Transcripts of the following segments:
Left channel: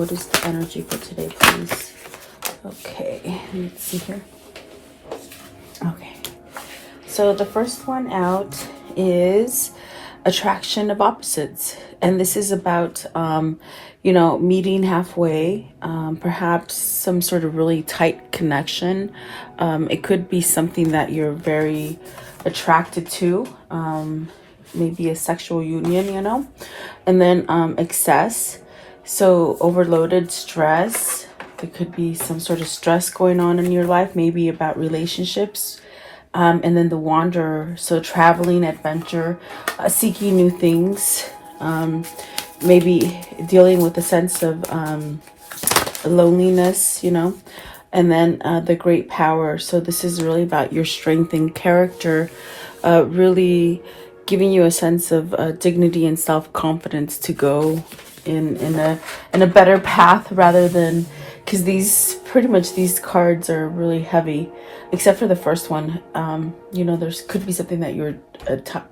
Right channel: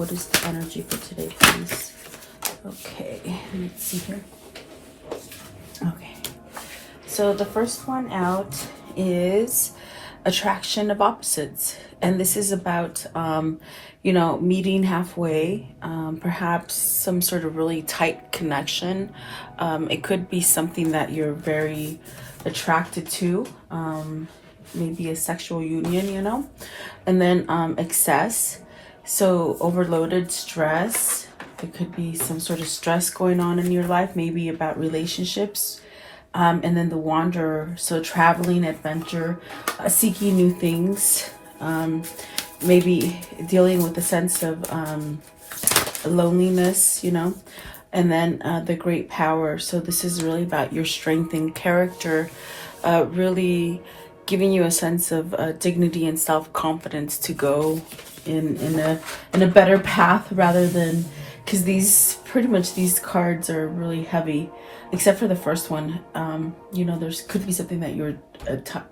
What is the energy for today, please? Okay, let's see here. Okay, so the first one out is attraction of opposites, and this is about you know, meeting halfway, perhaps some sort of really tight connection. It could be something that you're very attracted to, maybe a sexual union, you know. And then excess, so overloaded stress. There could be some sort of stress going on in your life, maybe about relationships. And then the wanderer, so traveling, adventure, seeking new things, maybe dealing with a sense of loneliness, you know. And then the great power, so this is really about your strength and character, really giving you a sense of dignity and self-confidence to go in a better path, rather than, because these cards are really heavy, except for the first one. You know, there's could be something that you're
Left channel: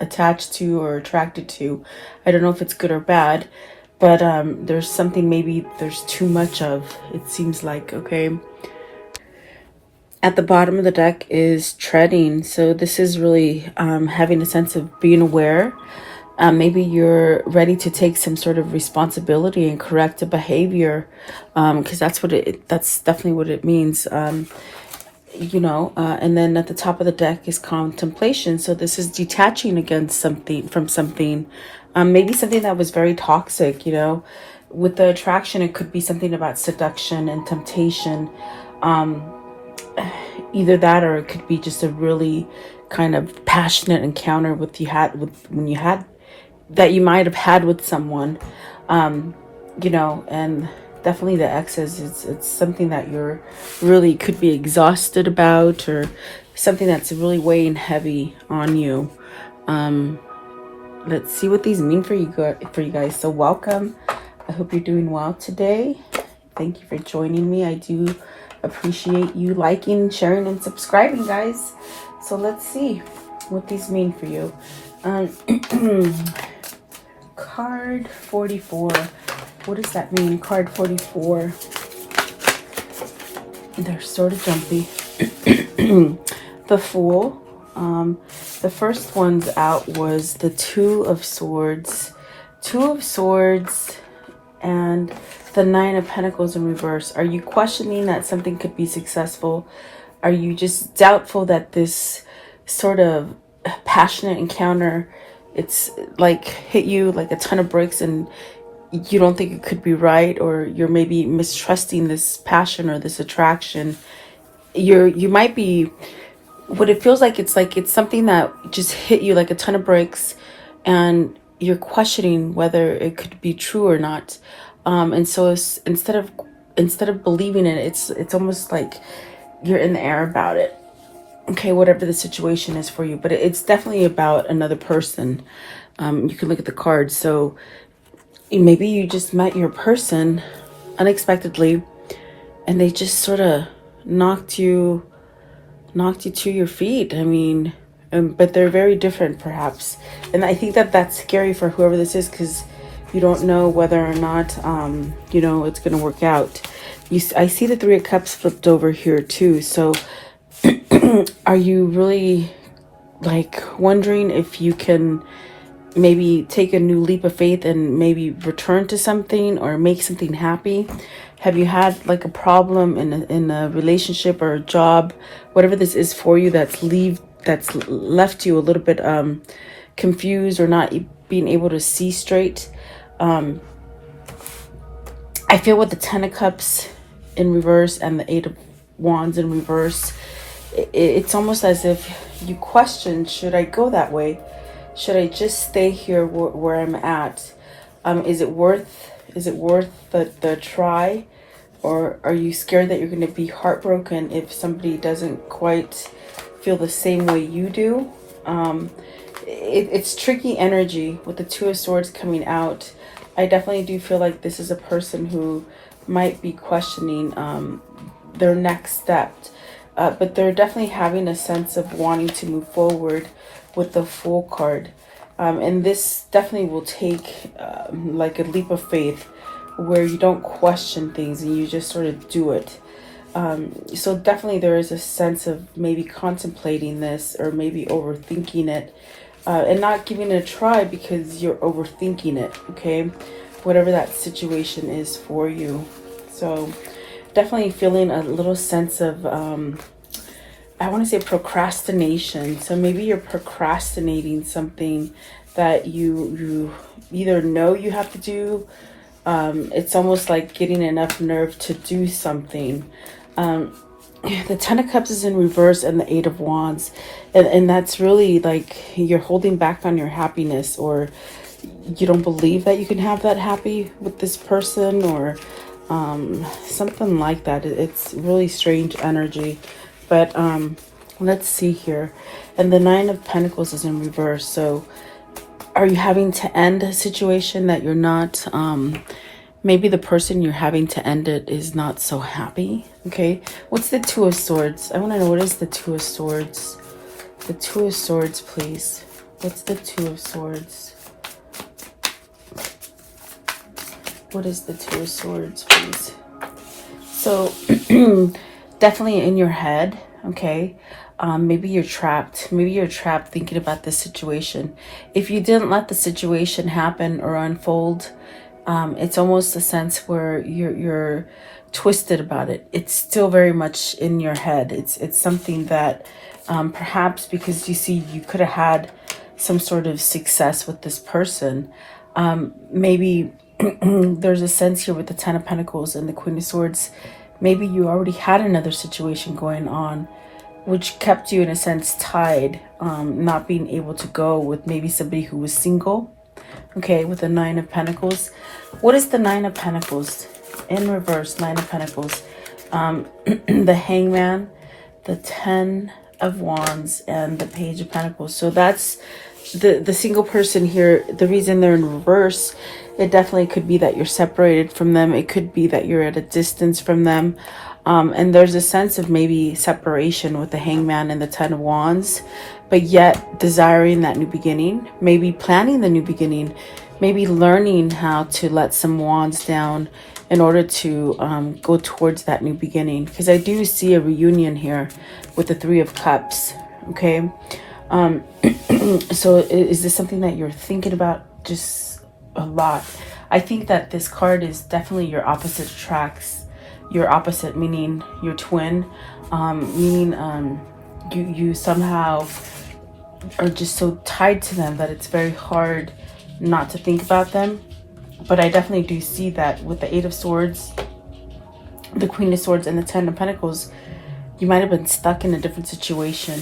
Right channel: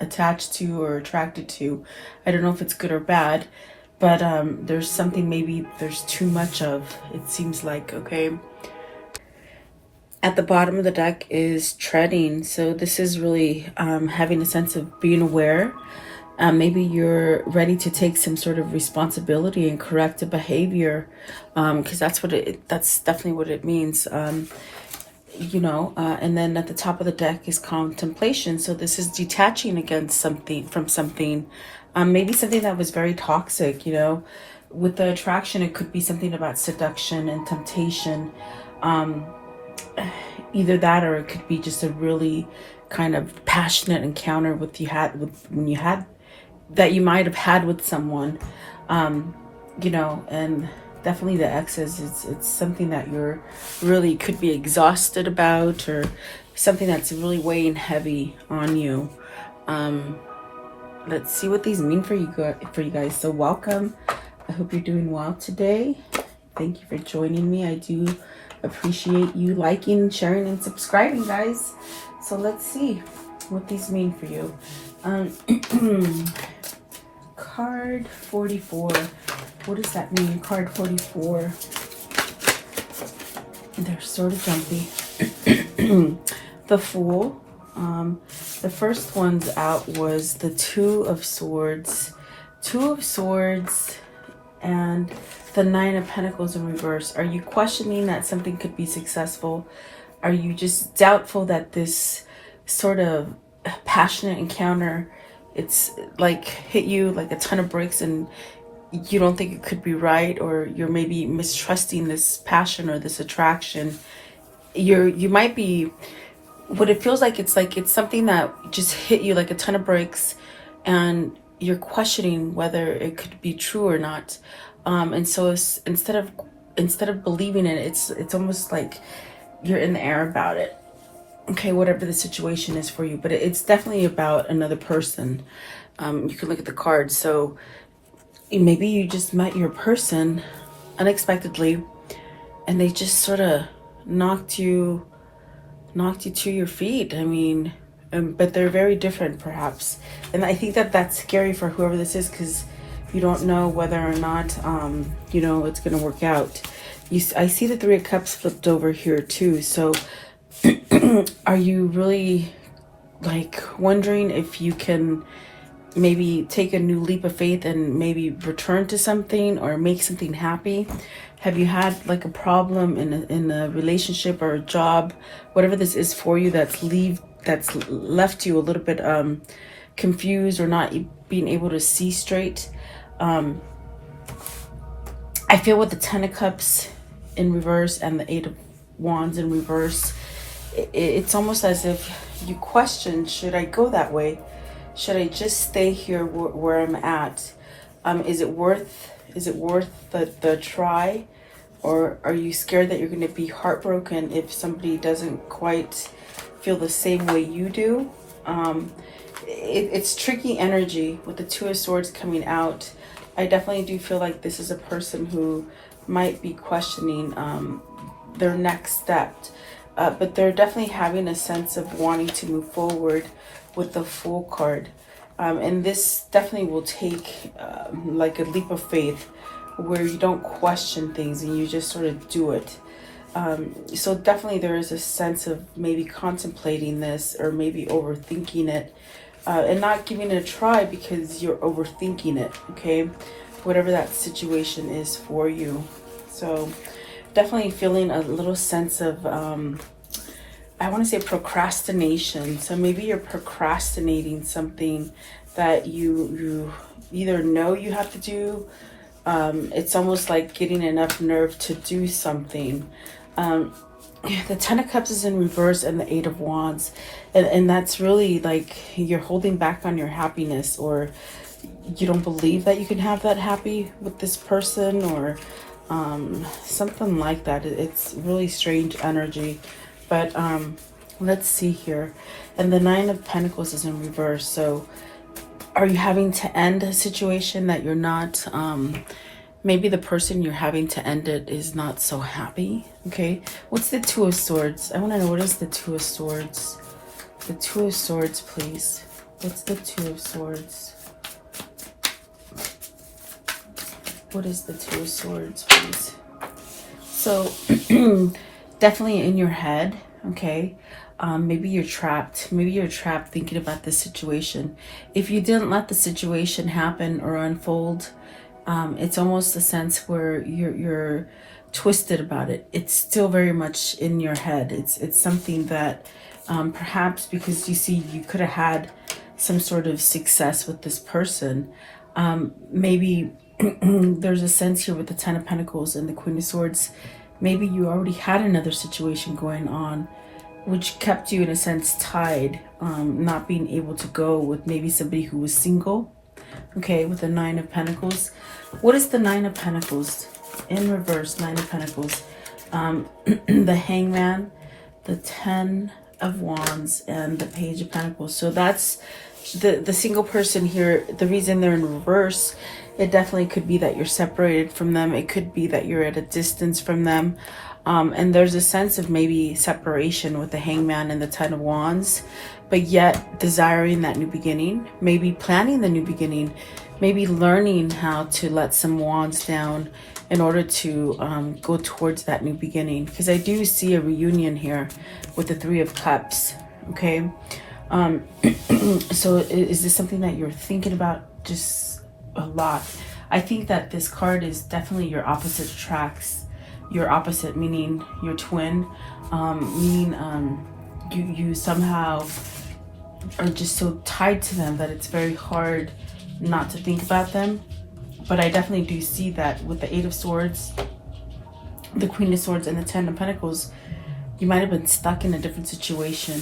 attached to or attracted to. I don't know if it's good or bad, but there's something maybe there's too much of, it seems like. Okay, at the bottom of the deck is treading, so this is really having a sense of being aware. Maybe you're ready to take some sort of responsibility and correct a behavior, because that's definitely what it means. You know, and then at the top of the deck is contemplation, so this is detaching against from something, maybe something that was very toxic. You know, with the attraction, it could be something about seduction and temptation. Either that, or it could be just a really kind of passionate encounter that you might have had with someone, you know. And definitely the excess, it's something that you're really could be exhausted about, or something that's really weighing heavy on you. Let's see what these mean for you guys. So welcome. I hope you're doing well today. Thank you for joining me. I do appreciate you liking, sharing, and subscribing, guys. So let's see what these mean for you. Card 44. What does that mean? Card 44. They're sort of jumpy. The Fool. The first one's out was the Two of Swords. Two of Swords and the Nine of Pentacles in reverse. Are you questioning that something could be successful? Are you just doubtful that this sort of passionate encounter, it's like hit you like a ton of bricks and you don't think it could be right, or you're maybe mistrusting this passion or this attraction? You might be, what it feels like it's something that just hit you like a ton of bricks, and you're questioning whether it could be true or not. And so instead of believing it, it's almost like you're in the air about it. Okay, whatever the situation is for you, but it's definitely about another person. You can look at the cards. So maybe you just met your person unexpectedly, and they just sort of knocked you to your feet. I mean, but they're very different, perhaps. And I think that's scary for whoever this is, because you don't know whether or not, you know, it's going to work out. I see the Three of Cups flipped over here too. So are you really like wondering if you can maybe take a new leap of faith and maybe return to something or make something happy? Have you had like a problem in a relationship or a job, whatever this is for you, that's left you a little bit confused, or not being able to see straight? I feel with the Ten of Cups in reverse and the Eight of Wands in reverse, it's almost as if you question, should I go that way? Should I just stay here where I'm at? Is it worth the try? Or are you scared that you're going to be heartbroken if somebody doesn't quite feel the same way you do? It's tricky energy with the Two of Swords coming out. I definitely do feel like this is a person who might be questioning their next step. But they're definitely having a sense of wanting to move forward with the Fool card. And this definitely will take like a leap of faith. where you don't question things and you just sort of do it. So definitely there is a sense of maybe contemplating this or maybe overthinking it, and not giving it a try because you're overthinking it, okay? Whatever that situation is for you. So definitely feeling a little sense of, I want to say procrastination. So maybe you're procrastinating something that you either know you have to do. It's almost like getting enough nerve to do something. The Ten of Cups is in reverse and the Eight of Wands. And that's really like you're holding back on your happiness, or you don't believe that you can have that happy with this person, or something like that. It's really strange energy. But let's see here. And the Nine of Pentacles is in reverse. So are you having to end a situation that you're not... maybe the person you're having to end it is not so happy. Okay, what's the Two of Swords? I want to know, what is the Two of Swords? The Two of Swords, please. What's the Two of Swords? What is the Two of Swords, please? So definitely in your head, okay? Maybe you're trapped. Maybe you're trapped thinking about this situation. If you didn't let the situation happen or unfold, it's almost a sense where you're twisted about it. It's still very much in your head. It's something that perhaps because you see you could have had some sort of success with this person. Maybe there's a sense here with the Ten of Pentacles and the Queen of Swords. Maybe you already had another situation going on, which kept you in a sense tied, not being able to go with maybe somebody who was single. Okay, with the Nine of Pentacles. What is the Nine of Pentacles? In reverse, Nine of Pentacles. The Hangman, the Ten of Wands, and the Page of Pentacles. So that's the single person here. The reason they're in reverse, it definitely could be that you're separated from them. It could be that you're at a distance from them. And there's a sense of maybe separation with the Hangman and the Ten of Wands, but yet desiring that new beginning, maybe planning the new beginning, maybe learning how to let some wands down in order to go towards that new beginning. Because I do see a reunion here with the Three of Cups, okay? So is this something that you're thinking about just a lot? I think that this card is definitely your opposite attracts. Your opposite, meaning your twin, meaning you somehow are just so tied to them that it's very hard not to think about them. But I definitely do see that with the Eight of Swords, the Queen of Swords, and the Ten of Pentacles, you might have been stuck in a different situation.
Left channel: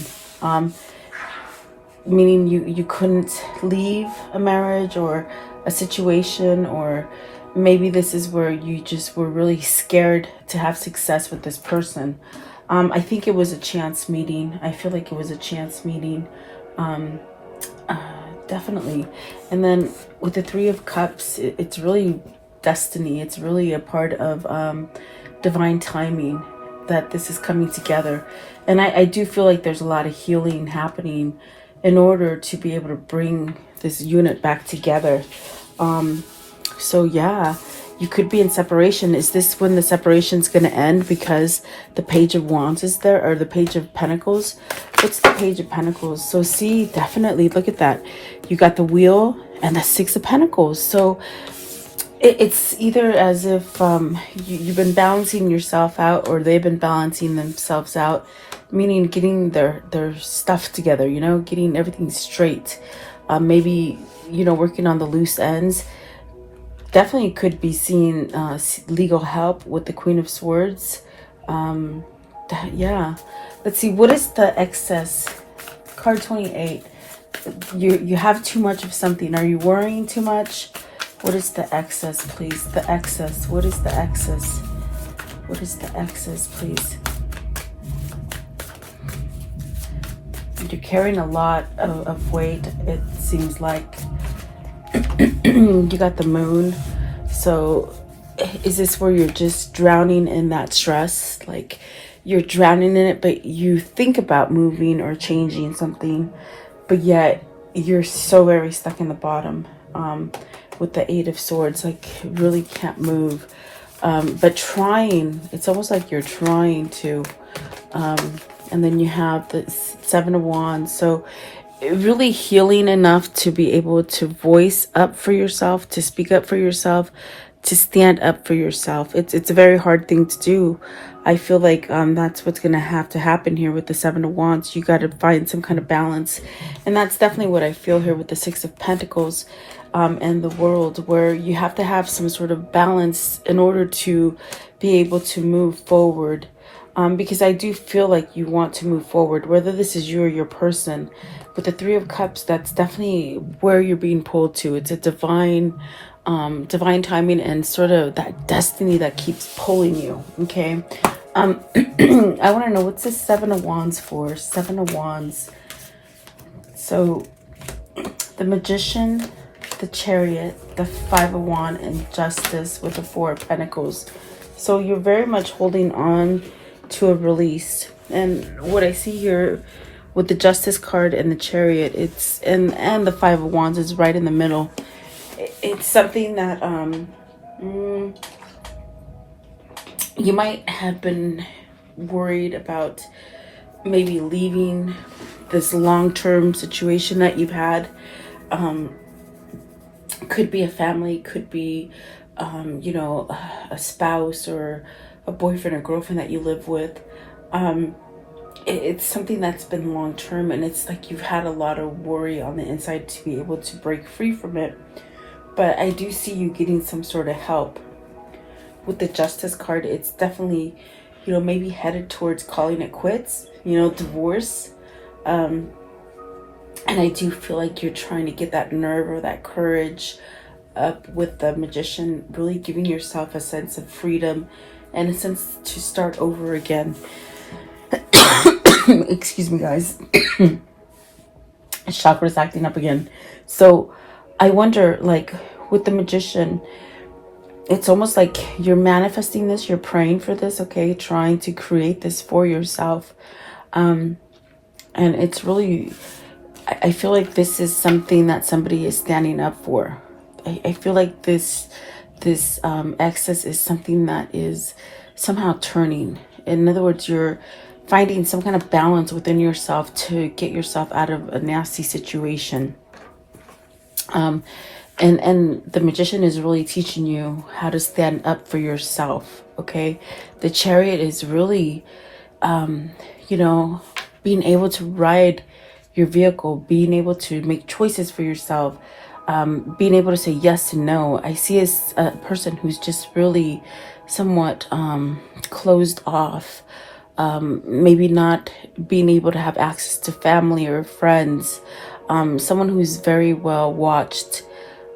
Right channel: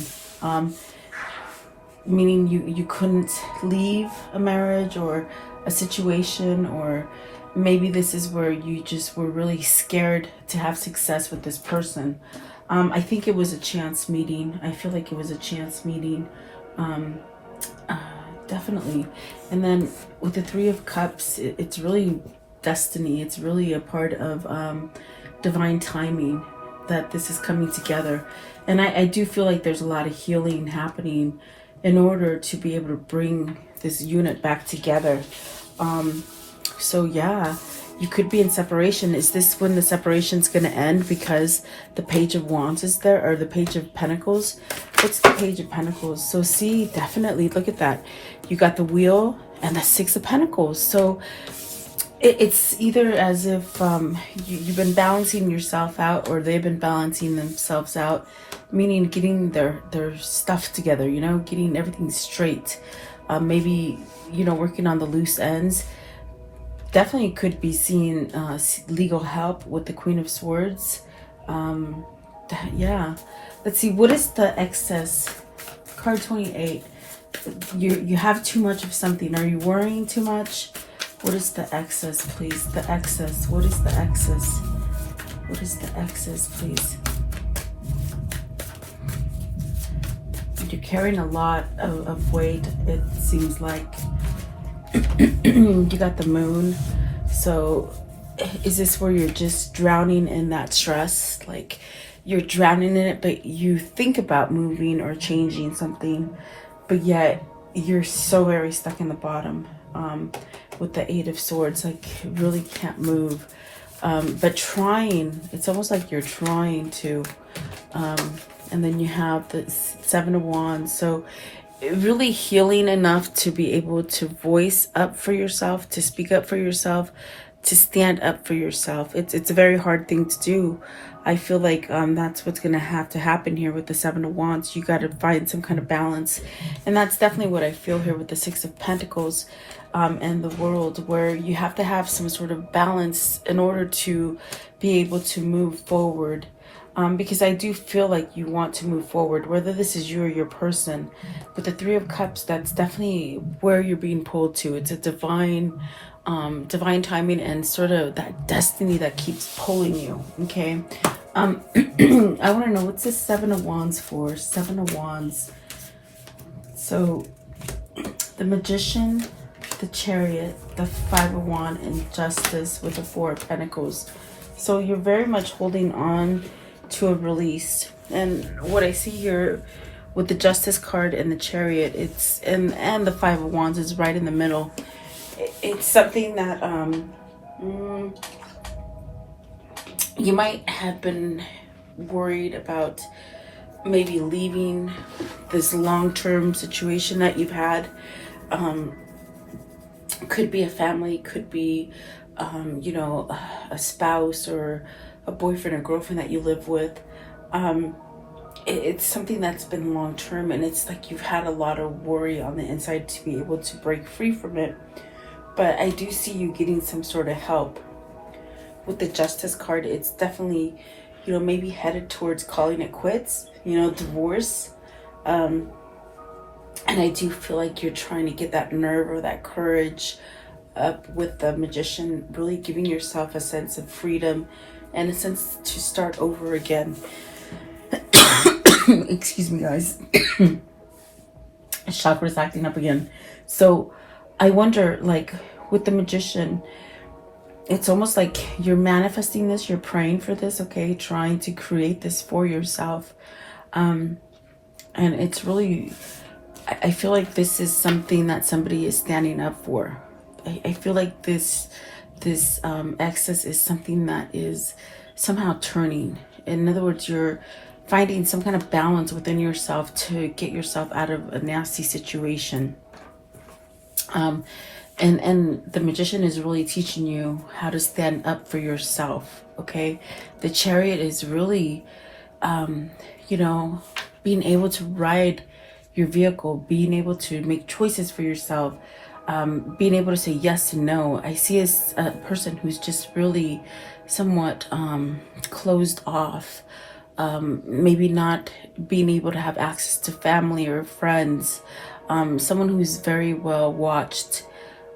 Meaning you couldn't leave a marriage or a situation, or maybe this is where you just were really scared to have success with this person. I think it was a chance meeting. I feel like it was a chance meeting. Definitely. And then with the Three of Cups, it's really destiny. It's really a part of divine timing that this is coming together. And I do feel like there's a lot of healing happening in order to be able to bring this unit back together. So yeah, you could be in separation. Is this when the separation's going to end because the Page of Wands is there, or the Page of Pentacles? What's the Page of Pentacles? So see, definitely look at that. You got the Wheel and the Six of Pentacles. So it's either as if you've been balancing yourself out, or they've been balancing themselves out, meaning getting their stuff together, you know, getting everything straight. Maybe, you know, working on the loose ends. Definitely could be seeing legal help with the Queen of Swords. Yeah. Let's see. What is the excess? Card 28. You have too much of something. Are you worrying too much? What is the excess, please? The excess. What is the excess? What is the excess, please? You're carrying a lot of weight, it seems like. You got the Moon. So is this where you're just drowning in that stress? Like you're drowning in it, but you think about moving or changing something, but yet you're so very stuck in the bottom. with the Eight of Swords, like really can't move. But trying, it's almost like you're trying to. And then you have the Seven of Wands. So really healing enough to be able to voice up for yourself, to speak up for yourself, to stand up for yourself. It's a very hard thing to do. I feel like that's what's going to have to happen here with the Seven of Wands. You got to find some kind of balance. And that's definitely what I feel here with the Six of Pentacles and the World, where you have to have some sort of balance in order to be able to move forward. Because I do feel like you want to move forward, whether this is you or your person. With the Three of Cups, that's definitely where you're being pulled to. It's a divine timing and sort of that destiny that keeps pulling you, okay? I want to know, what's this Seven of Wands for? Seven of Wands. So, the Magician, the Chariot, the Five of Wands, and Justice with the Four of Pentacles. So, you're very much holding on to a release. And what I see here with the Justice card and the Chariot, it's and the Five of Wands is right in the middle. It's something that you might have been worried about, maybe leaving this long-term situation that you've had. Could be a family, could be you know, a spouse or a boyfriend or girlfriend that you live with. It's something that's been long term, and it's like you've had a lot of worry on the inside to be able to break free from it. But I do see you getting some sort of help. With the Justice card, it's definitely, you know, maybe headed towards calling it quits, you know, divorce. And I do feel like you're trying to get that nerve or that courage up with the Magician, really giving yourself a sense of freedom and a sense to start over again. Excuse me, guys. Chakra's acting up again. So I wonder, like with the Magician, it's almost like you're manifesting this, you're praying for this, okay? Trying to create this for yourself. And it's really, I feel like this is something that somebody is standing up for. I feel like this excess is something that is somehow turning. In other words, you're finding some kind of balance within yourself to get yourself out of a nasty situation. And the Magician is really teaching you how to stand up for yourself, okay? The Chariot is really, you know, being able to ride your vehicle, being able to make choices for yourself, being able to say yes and no. I see as a person who's just really somewhat closed off, maybe not being able to have access to family or friends, someone who's very well watched,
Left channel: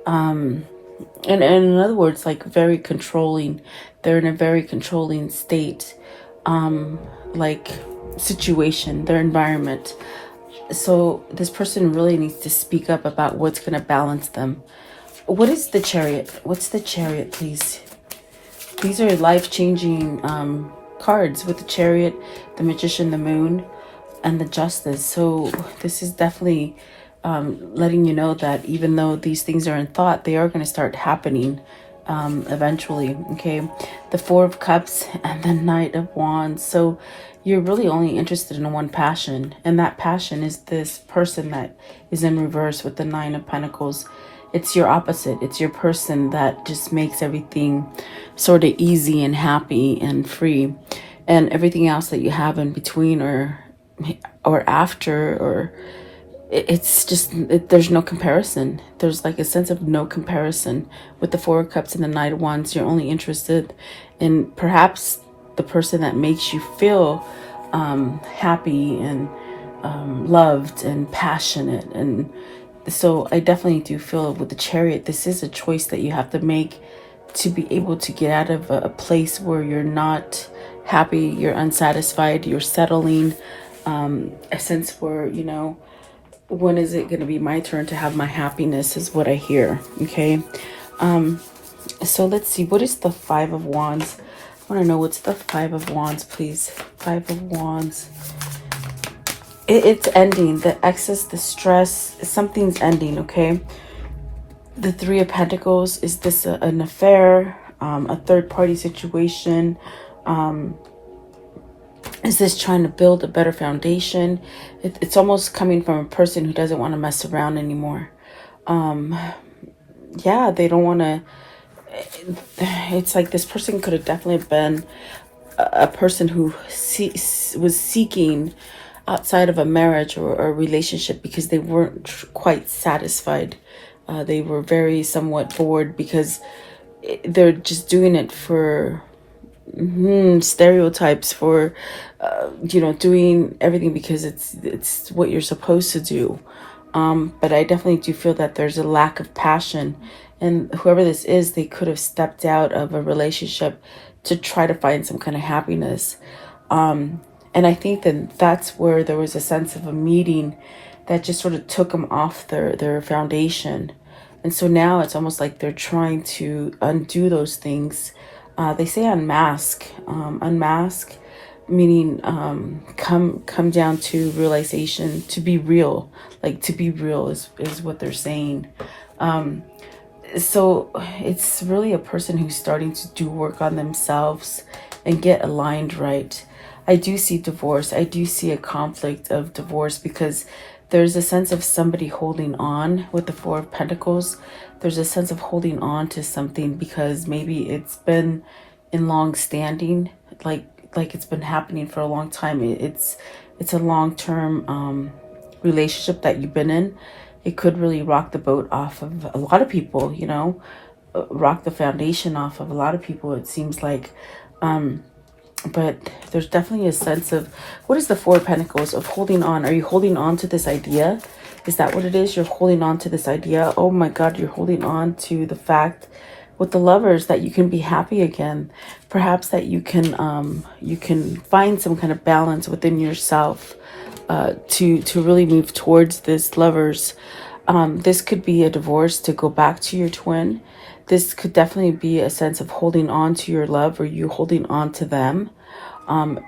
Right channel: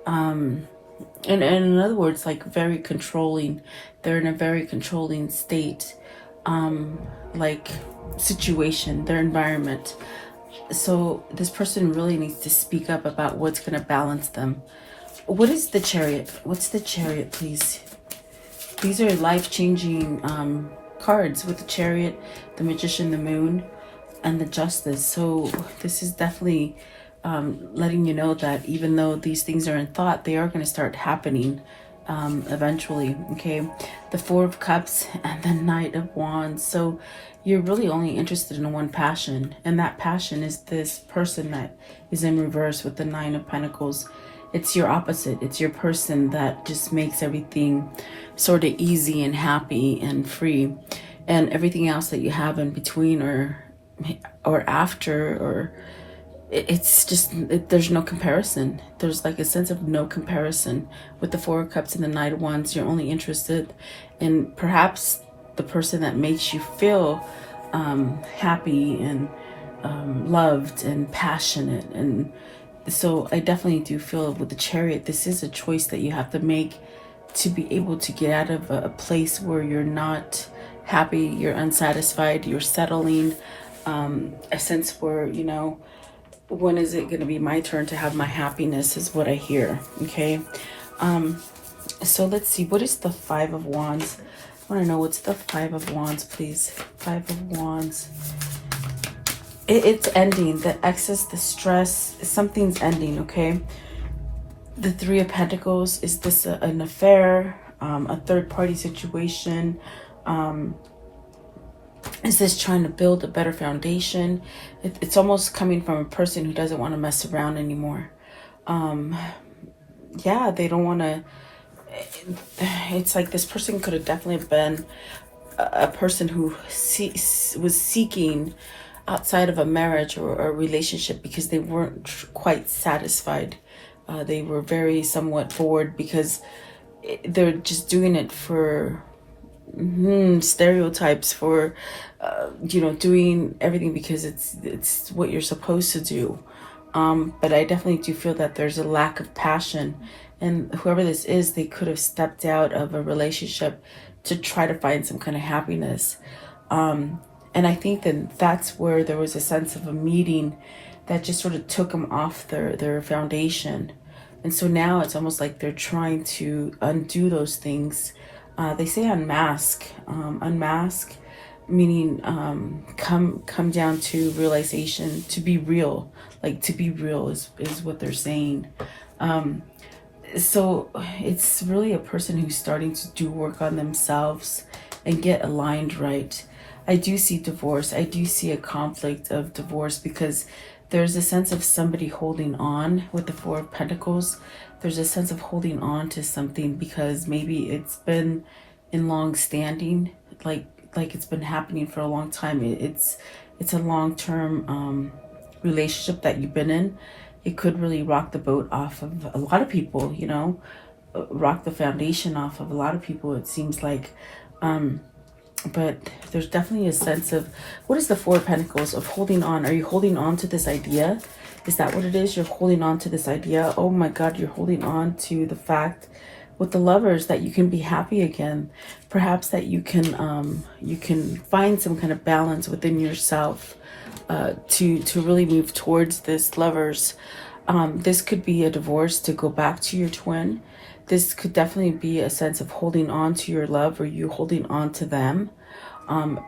and in other words, like very controlling. They're in a very controlling state, like situation, their environment. So this person really needs to speak up about what's going to balance them. What is the Chariot? What's the Chariot, please? These are life-changing cards with the Chariot, the Magician, the Moon, and the Justice. So this is definitely letting you know that even though these things are in thought, they are going to start happening eventually, okay? The Four of Cups and the Knight of Wands. So you're really only interested in one passion, and that passion is this person that is in reverse with the Nine of Pentacles. It's your opposite. It's your person that just makes everything sort of easy and happy and free, and everything else that you have in between or after, or it's just, there's no comparison. There's like a sense of no comparison. With the Four of Cups and the Knight of Wands, you're only interested in perhaps the person that makes you feel happy and loved and passionate. And so I definitely do feel with the Chariot, this is a choice that you have to make to be able to get out of a place where you're not happy, you're unsatisfied, you're settling, a sense where, you know, when is it going to be my turn to have my happiness is what I hear, okay? So let's see, what is the Five of Wands? I want to know, what's the Five of Wands, please? Five of Wands. It's ending. The excess, the stress, something's ending, okay? The Three of Pentacles, is this an affair, a third-party situation? Is this trying to build a better foundation? It's almost coming from a person who doesn't want to mess around anymore. Yeah, they don't want to. It's like this person could have definitely been a person who was seeking outside of a marriage or a relationship because they weren't quite satisfied. They were very somewhat bored because they're just doing it for stereotypes, for doing everything because it's what you're supposed to do. But I definitely do feel that there's a lack of passion, and whoever this is, they could have stepped out of a relationship to try to find some kind of happiness. And I think that that's where there was a sense of a meeting that just sort of took them off their foundation. And so now it's almost like they're trying to undo those things. They say unmask. Unmask, meaning come down to realization, to be real. Like, to be real is what they're saying. So it's really a person who's starting to do work on themselves and get aligned right. I do see divorce. I do see a conflict of divorce because there's a sense of somebody holding on with the Four of Pentacles. There's a sense of holding on to something because maybe it's been in long standing, like it's been happening for a long time. It's a long-term relationship that you've been in. It could really rock the boat off of a lot of people, rock the foundation off of a lot of people, it seems like. But there's definitely a sense of, what is the Four of Pentacles of holding on? Are you holding on to this idea? Is that what it is? You're holding on to this idea. Oh my God, you're holding on to the fact with the Lovers that you can be happy again. Perhaps that you can find some kind of balance within yourself to really move towards this Lovers. This could be a divorce to go back to your twin. This could definitely be a sense of holding on to your love, or you holding on to them,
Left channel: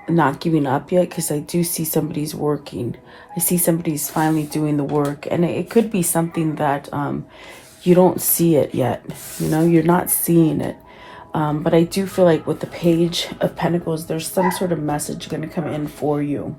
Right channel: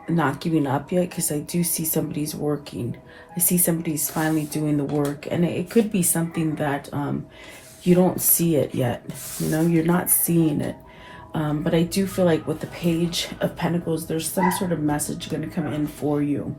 not giving up yet, because I do see somebody's working. I see somebody's finally doing the work, and it could be something that you don't see it yet. You're not seeing it. But I do feel like with the Page of Pentacles, there's some sort of message going to come in for you.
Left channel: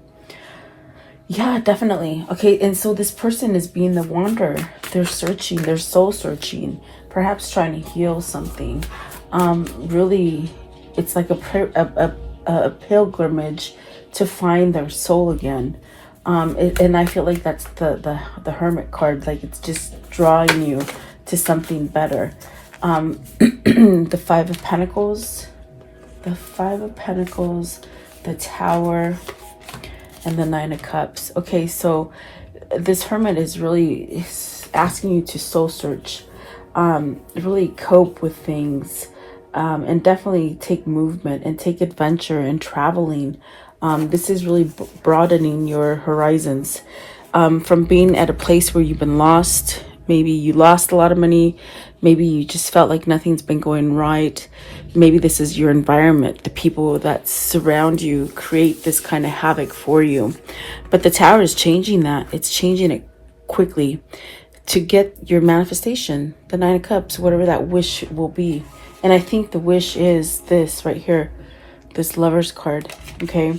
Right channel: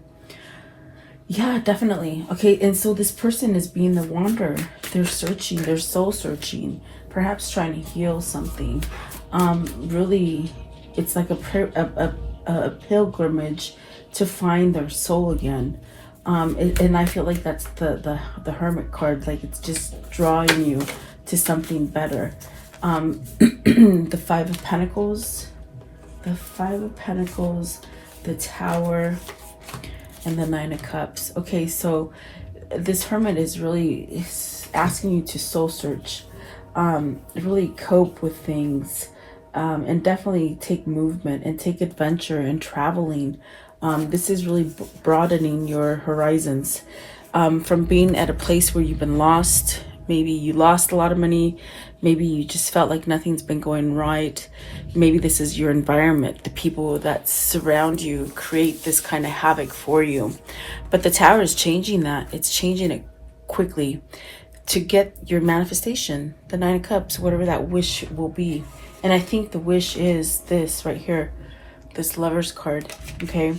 Yeah, definitely. Okay, and so this person is being the wanderer. They're searching, they're soul searching, perhaps trying to heal something. Really, it's like a pilgrimage to find their soul again. And I feel like that's the Hermit card, like it's just drawing you to something better. The Five of Pentacles, the Tower, and the Nine of Cups. Okay, so this Hermit is really asking you to soul search, really cope with things, and definitely take movement and take adventure and traveling. This is really broadening your horizons, from being at a place where you've been lost. Maybe you lost a lot of money. Maybe you just felt like nothing's been going right. Maybe this is your environment. The people that surround you create this kind of havoc for you. But the Tower is changing that. It's changing it quickly to get your manifestation. The Nine of Cups, whatever that wish will be. And I think the wish is this right here. This Lover's card. Okay.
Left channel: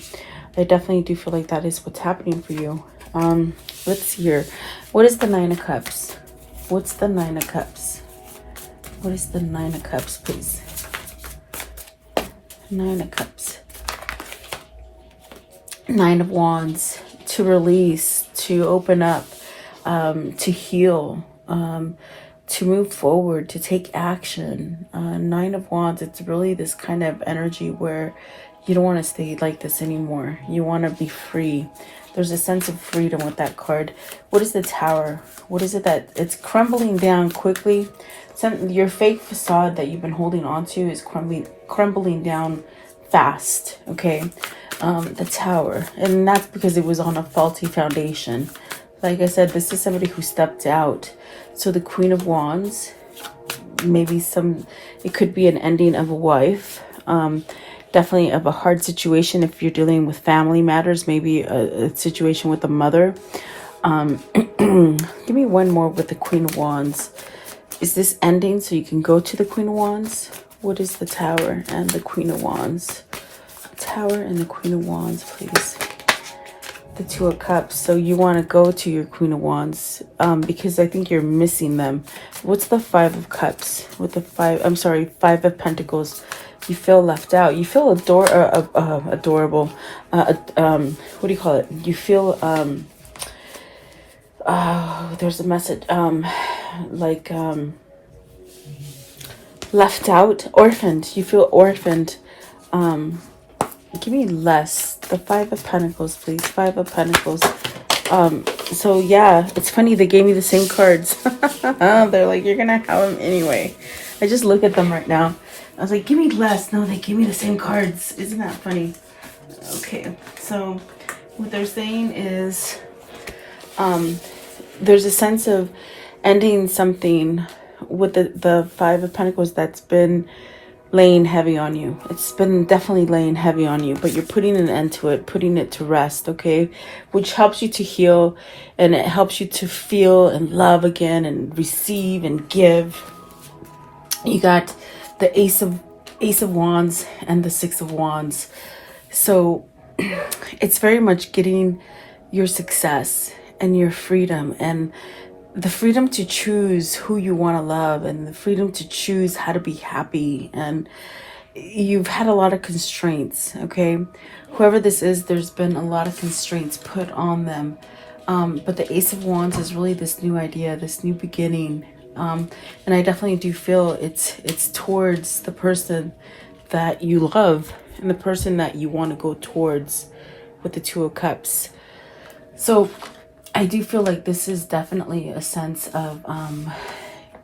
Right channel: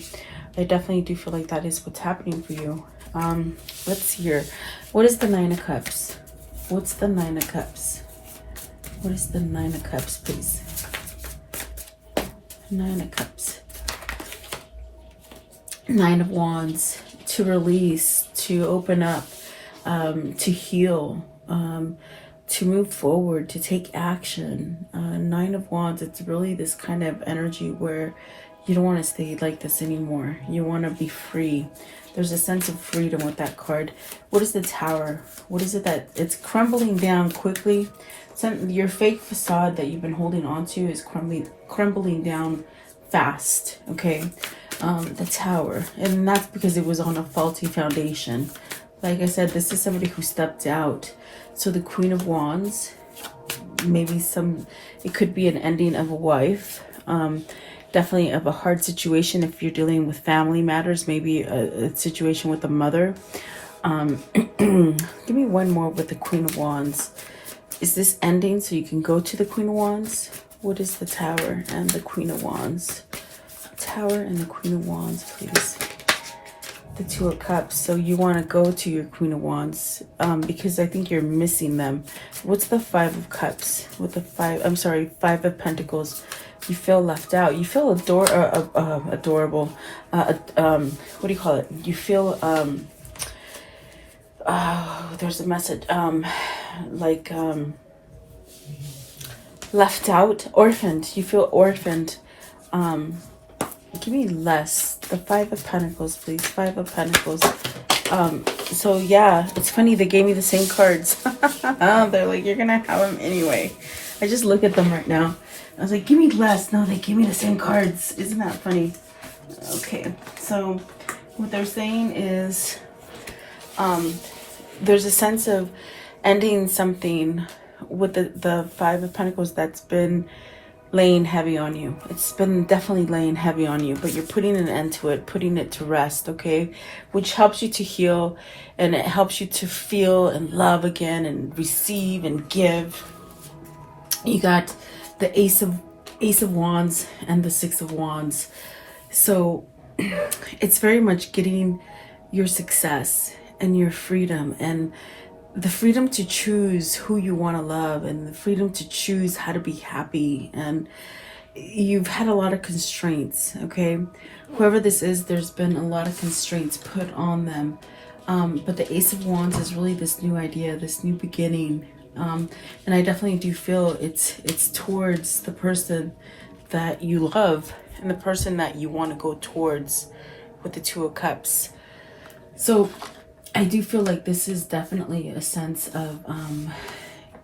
I definitely do feel like that is what's happening for you. Let's see here. What is the Nine of Cups? What's the Nine of Cups? What is the Nine of Cups, please? Nine of Cups. Nine of Wands. To release, to open up, to heal, to move forward, to take action. Nine of Wands, it's really this kind of energy where you don't want to stay like this anymore. You want to be free. There's a sense of freedom with that card. What is the Tower? What is it that it's crumbling down quickly? Your fake facade that you've been holding on to is crumbling down fast. Okay, the Tower, and that's because it was on a faulty foundation. Like I said, this is somebody who stepped out. So the Queen of Wands, maybe it could be an ending of a wife. Definitely of a hard situation if you're dealing with family matters, maybe a situation with a mother. Give me one more with the Queen of Wands. is this ending so you can go to the Queen of Wands? What is the Tower and the Queen of Wands? Tower and the Queen of Wands, please. The Two of Cups. So you want to go to your Queen of Wands because I think you're missing them. What's the Five of Cups? With the Five of Pentacles. You feel left out. You feel adorable. What do you call it? You feel there's a message left out, orphaned. You feel orphaned. Give me less. The Five of Pentacles, please. Five of Pentacles. So yeah, it's funny, they gave me the same cards. They're like, you're gonna have them anyway. I just look at them right now. I was like, give me less. No, they gave me the same cards. Isn't that funny? Okay, so what they're saying is there's a sense of ending something with the Five of Pentacles that's been laying heavy on you. It's been definitely laying heavy on you, but you're putting an end to it, putting it to rest, okay? Which helps you to heal, and it helps you to feel and love again and receive and give. You got the Ace of Wands and the Six of Wands. So it's very much getting your success and your freedom and the freedom to choose who you want to love and the freedom to choose how to be happy. And you've had a lot of constraints, okay? Whoever this is, there's been a lot of constraints put on them. But the Ace of Wands is really this new idea, this new beginning. And I definitely do feel it's towards the person that you love and the person that you want to go towards with the Two of Cups. So I do feel like this is definitely a sense of,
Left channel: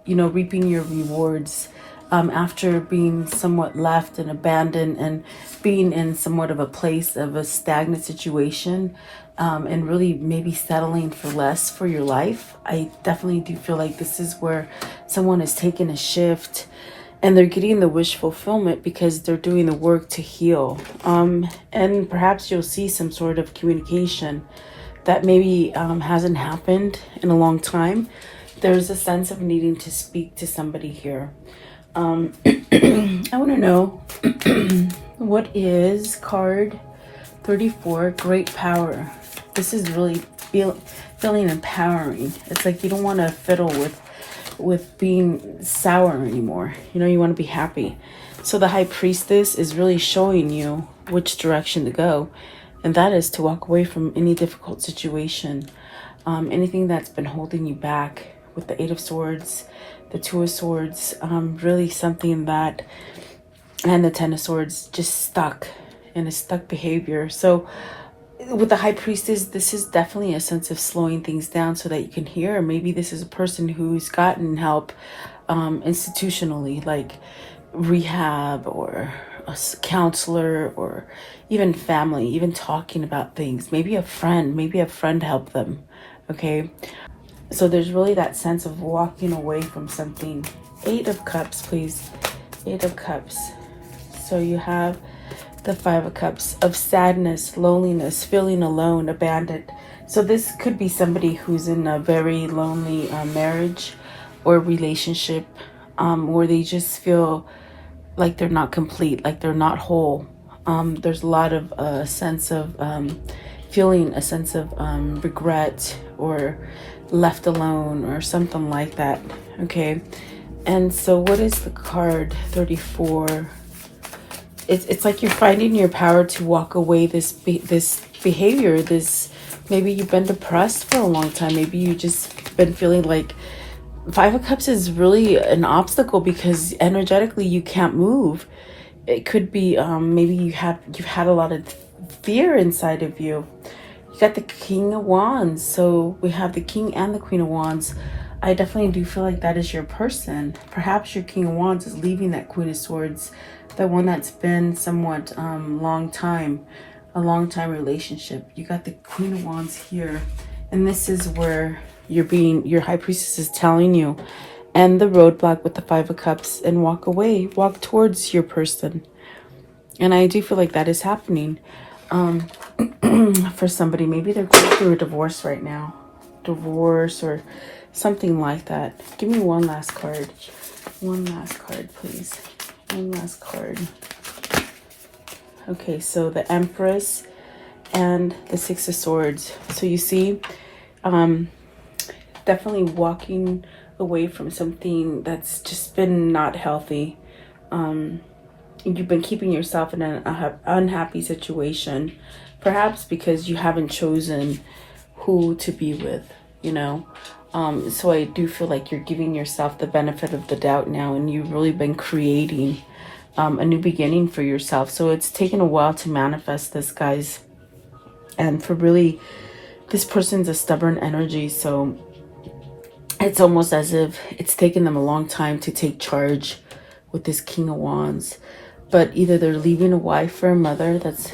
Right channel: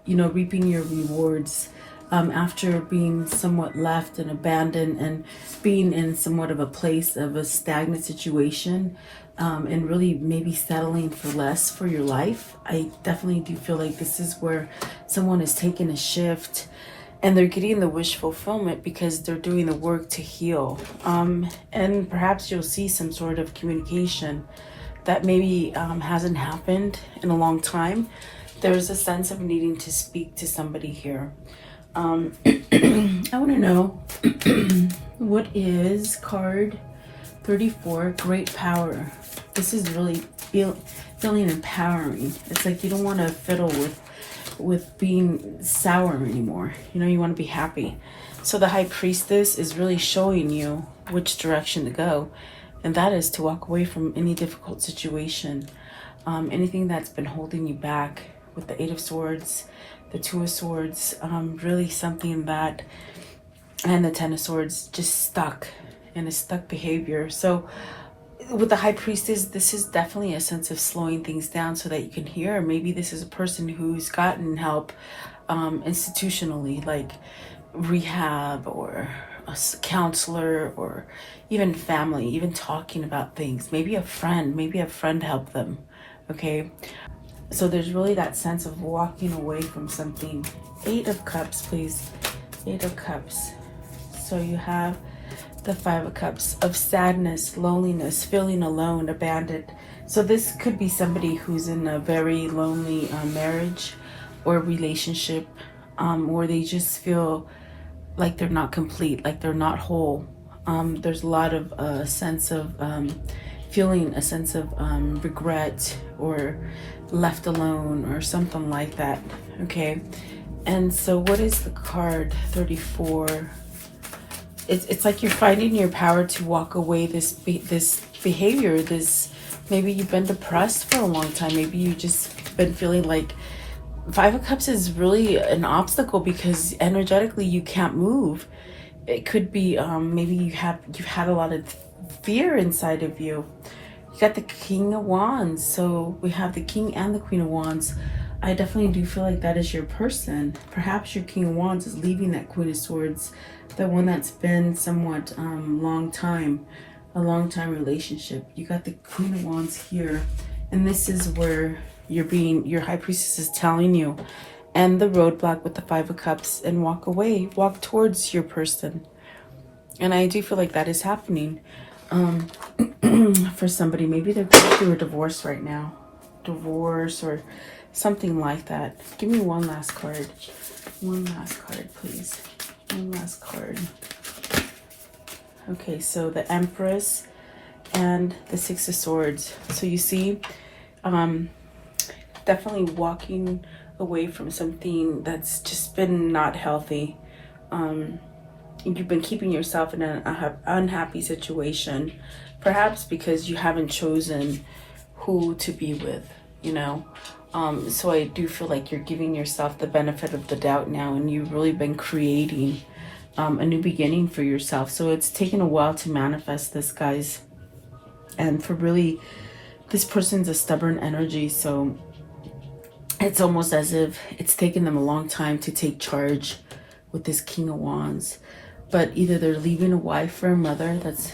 reaping your rewards after being somewhat left and abandoned and being in somewhat of a place of a stagnant situation and really maybe settling for less for your life. I definitely do feel like this is where someone is taking a shift and they're getting the wish fulfillment because they're doing the work to heal. And perhaps you'll see some sort of communication that maybe hasn't happened in a long time. There's a sense of needing to speak to somebody here. I want to know what is card 34, Great Power. This is really feeling empowering. It's like you don't want to fiddle with being sour anymore. You want to be happy. So the High Priestess is really showing you which direction to go. And that is to walk away from any difficult situation, anything that's been holding you back. With the Eight of Swords, the Two of Swords, really something that, and the Ten of Swords, just stuck in a stuck behavior. So with the High Priestess, this is definitely a sense of slowing things down so that you can hear. Maybe this is a person who's gotten help institutionally, like rehab or a counselor or even family, even talking about things. Maybe a friend helped them, okay? So there's really that sense of walking away from something. Eight of Cups, please. Eight of Cups. So you have the Five of Cups of sadness, loneliness, feeling alone, abandoned. So this could be somebody who's in a very lonely marriage or relationship where they just feel like they're not complete, like they're not whole. There's a lot of sense of feeling a sense of regret or left alone or something like that, okay? And so what is the card 34? It's like you're finding your power to walk away this behavior, maybe you've been depressed for a long time, maybe you just been feeling like Five of Cups is really an obstacle because energetically you can't move. It could be maybe you've had a lot of fear inside of you. You got the King of Wands, so we have the King and the Queen of Wands. I definitely do feel like that is your person. Perhaps your King of Wands is leaving that Queen of Swords, the one that's been somewhat a long time relationship. You got the Queen of Wands here, and this is where your High Priestess is telling you, end the roadblock with the Five of Cups and walk away, walk towards your person. And I do feel like that is happening for somebody. Maybe they're going through a divorce right now, or Something like that. Give me one last card. One last card, please. One last card. Okay, so the Empress and the Six of Swords. So you see, definitely walking away from something that's just been not healthy. You've been keeping yourself in an unhappy situation, perhaps because you haven't chosen who to be with, you know. So I do feel like you're giving yourself the benefit of the doubt now, and you've really been creating a new beginning for yourself. So it's taken a while to manifest this, guys. And for really, this person's a stubborn energy, so it's almost as if it's taken them a long time to take charge with this King of Wands. But either they're leaving a wife or a mother that's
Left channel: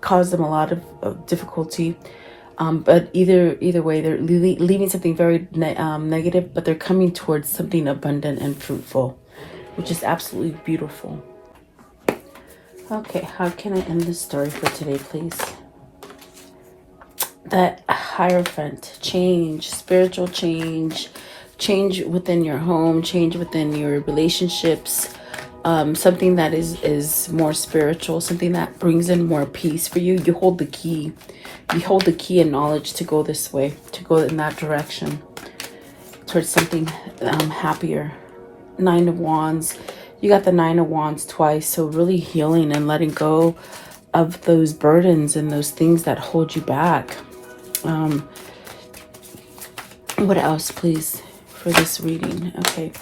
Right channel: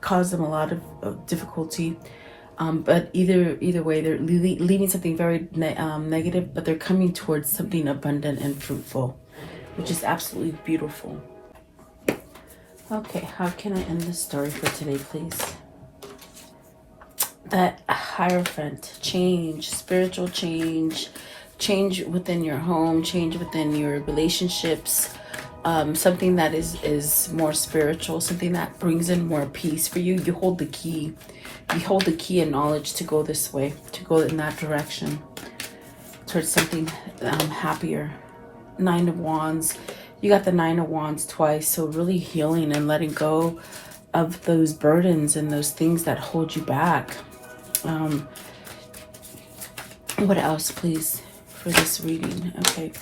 caused them a lot of difficulty. But either way, they're leaving something very negative, but they're coming towards something abundant and fruitful, which is absolutely beautiful. Okay, how can I end this story for today, please? That Hierophant, change, spiritual change, change within your home, change within your relationships, something that is more spiritual, something that brings in more peace for you. You hold the key. You hold the key and knowledge to go this way, to go in that direction, towards something happier. Nine of Wands. You got the Nine of Wands twice, so really healing and letting go of those burdens and those things that hold you back. What else, please, for this reading? Okay,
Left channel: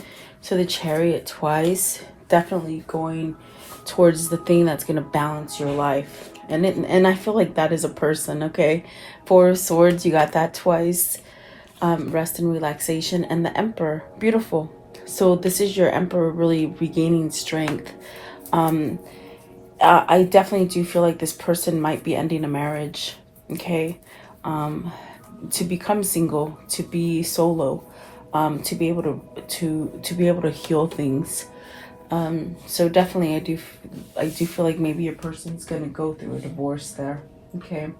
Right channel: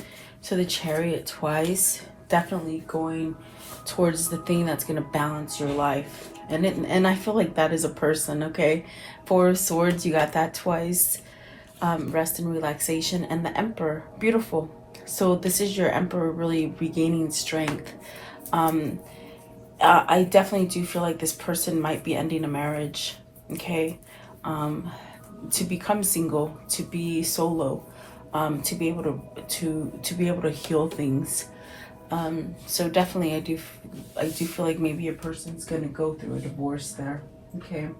so the Chariot twice, definitely going towards the thing that's going to balance your life. And I feel like that is a person, okay? Four of Swords, you got that twice. Rest and relaxation. And the Emperor, beautiful. So this is your Emperor really regaining strength. I definitely do feel like this person might be ending a marriage, okay? To become single, to be solo, to be able to heal things. So definitely I do feel like maybe your person's gonna go through a divorce there. Okay.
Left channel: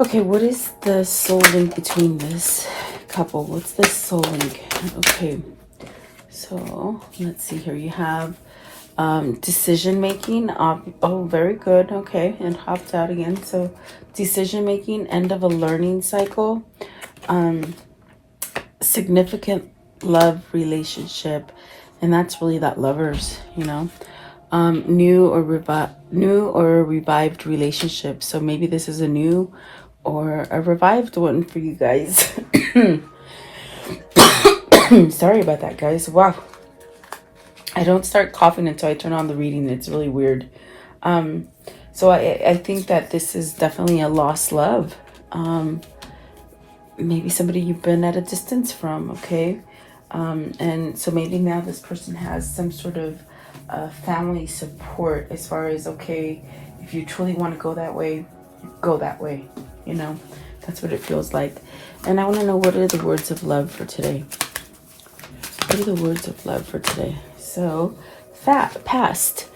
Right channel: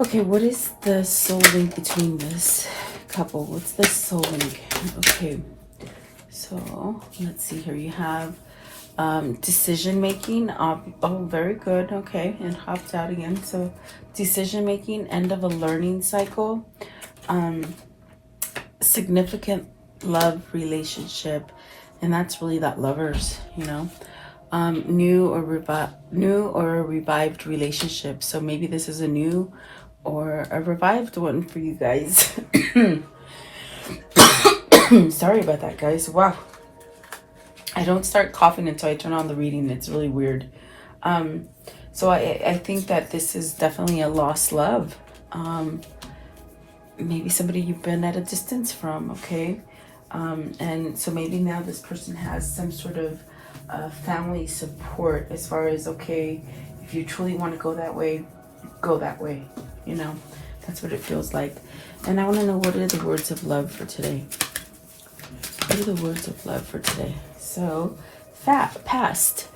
Okay, what is the soul link between this couple? What's the soul link? Okay. So let's see here. You have decision making. Oh, very good. Okay, and hopped out again. So decision making, end of a learning cycle, significant love relationship, and that's really that Lovers, you know. New or revived relationship. So maybe this is a new or a revived one for you guys. Sorry about that, guys. Wow. I don't start coughing until I turn on the reading. It's really weird. So I think that this is definitely a lost love. Maybe somebody you've been at a distance from, okay? And so maybe now this person has some sort of family support as far as, okay, if you truly want to go that way, you know? That's what it feels like. And I want to know, what are the words of love for today? What are the words of love for today? So, past.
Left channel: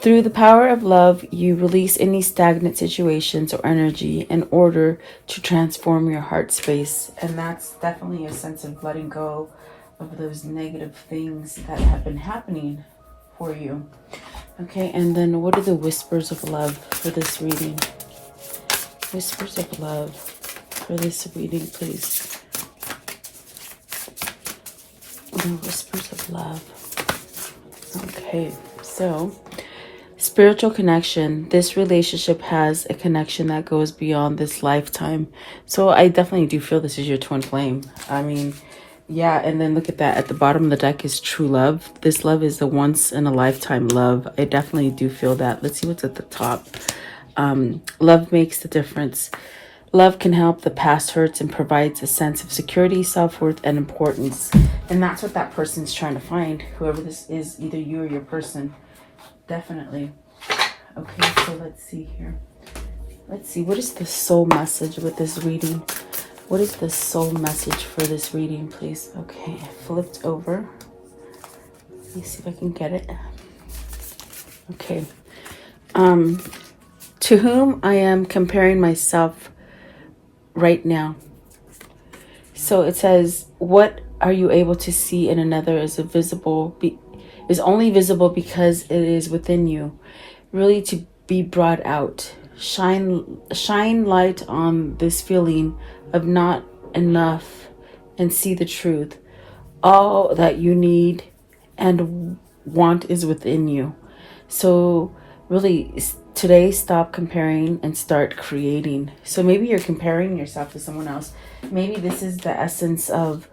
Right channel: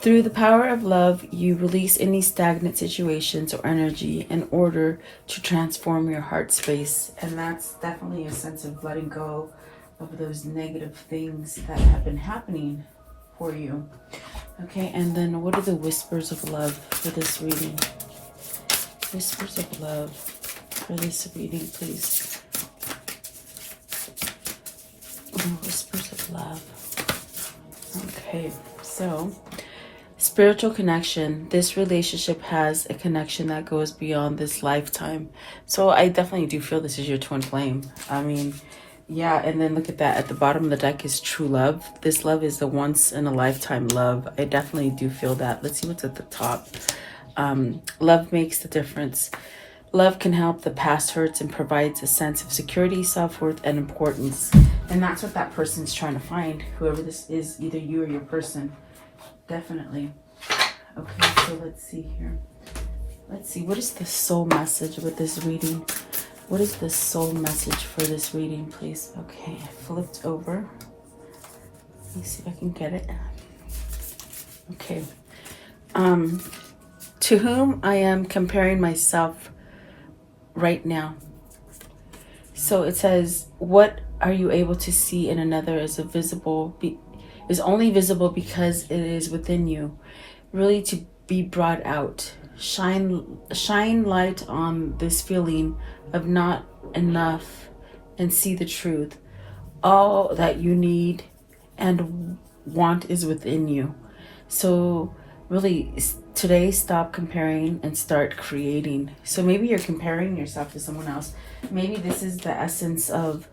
Through the power of love, you release any stagnant situations or energy in order to transform your heart space. And that's definitely a sense of letting go of those negative things that have been happening for you. Okay, and then what are the whispers of love for this reading? Whispers of love for this reading, please. The whispers of love. Okay, so spiritual connection. This relationship has a connection that goes beyond this lifetime. So I definitely do feel this is your twin flame. I mean, yeah, and then look at that. At the bottom of the deck is true love. This love is a once in a lifetime love. I definitely do feel that. Let's see what's at the top. Love makes the difference. Love can help the past hurts and provides a sense of security, self-worth, and importance. And that's what that person's trying to find. Whoever this is, either you or your person. Definitely. Okay, so let's see here. Let's see, what is the soul message with this reading? What is the soul message for this reading, please? Okay, I flipped over. Let me see if I can get it. Okay. To whom I am comparing myself right now. So it says, what are you able to see in another is is only visible because it is within you. Really to be brought out. Shine light on this feeling of not enough and see the truth. All that you need and want is within you. So really today, stop comparing and start creating. So maybe you're comparing yourself to someone else. Maybe this is the essence of,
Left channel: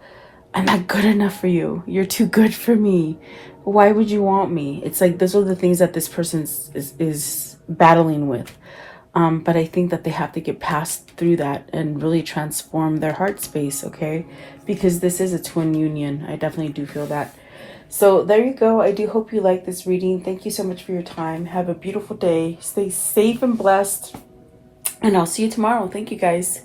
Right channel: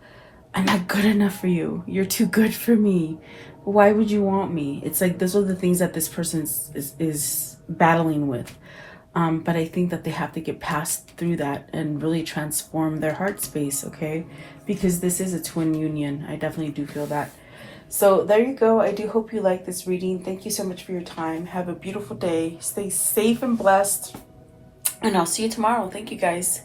I'm not good enough for you. You're too good for me. Why would you want me? It's like those are the things that this person is battling with. But I think that they have to get past through that and really transform their heart space, okay? Because this is a twin union. I definitely do feel that. So there you go. I do hope you like this reading. Thank you so much for your time. Have a beautiful day. Stay safe and blessed. And I'll see you tomorrow. Thank you, guys.